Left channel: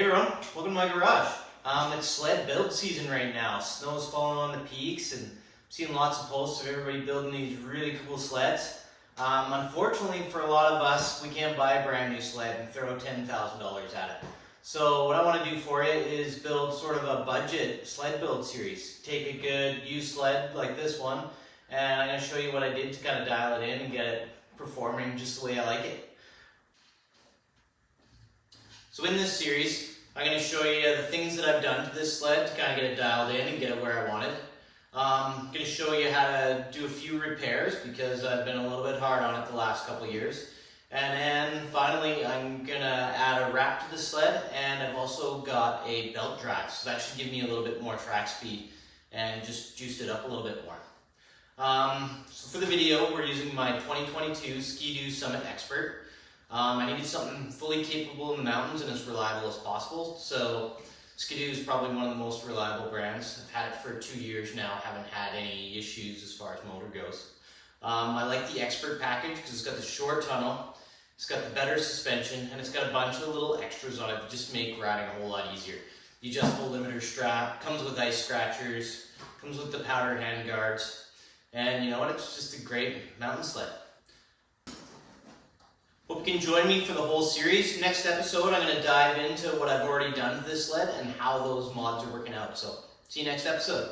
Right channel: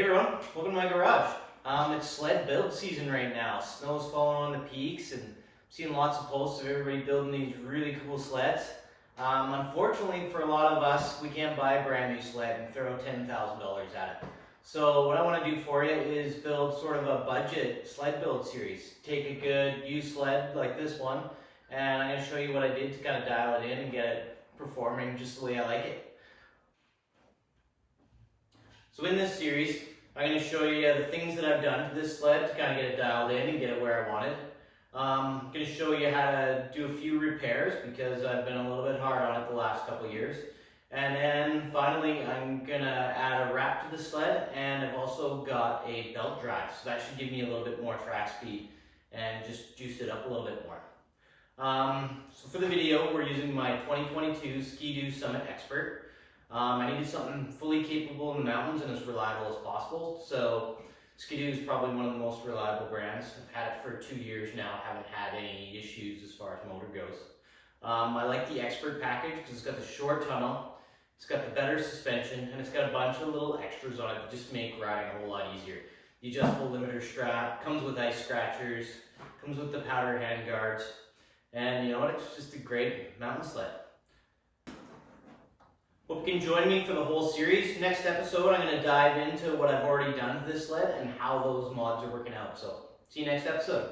Hey everyone, welcome to my garage. It's sled build season right now. Snow's falling on the peaks and I'm seeing lots of posts of everybody building these really cool sleds. Unfortunately for a lot of us, we can't buy a brand new sled and throw $10,000 at it. So what I want to do for you is build sort of a budget sled build series. Take a good used sled like this one and I'm going to show you what I did to kind of dial it in and get it performing just the way I like it. So in this series, I'm going to show you the things that I've done to this sled to kind of get it dialed in and get it where I want it. I'm going to show you how to do a few repairs because I've been a little bit hard on it the last couple of years. And then finally, I'm going to add a wrap to the sled, and I've also got a belt drive. So that should give me a little bit more track speed and just juice it up a little bit more. So for the video, we're using my 2022 Skidoo Summit Expert. I needed something fully capable in the mountains and as reliable as possible. So Skidoo is probably one of the most reliable brands. I've had it for 2 years now, haven't had any issues as far as motor goes. I like the Expert package because it's got the short tunnel, it's got the better suspension, and it's got a bunch of little extras on it that just make riding a whole lot easier. The adjustable limiter strap, comes with ice scratchers, comes with the powder hand guards, and you know what, it's just a great mountain sled. Hope you can join me for the whole series. Next episode, I'm going to dive into what I've already done to this sled and how those mods are working out. So, see you next episode.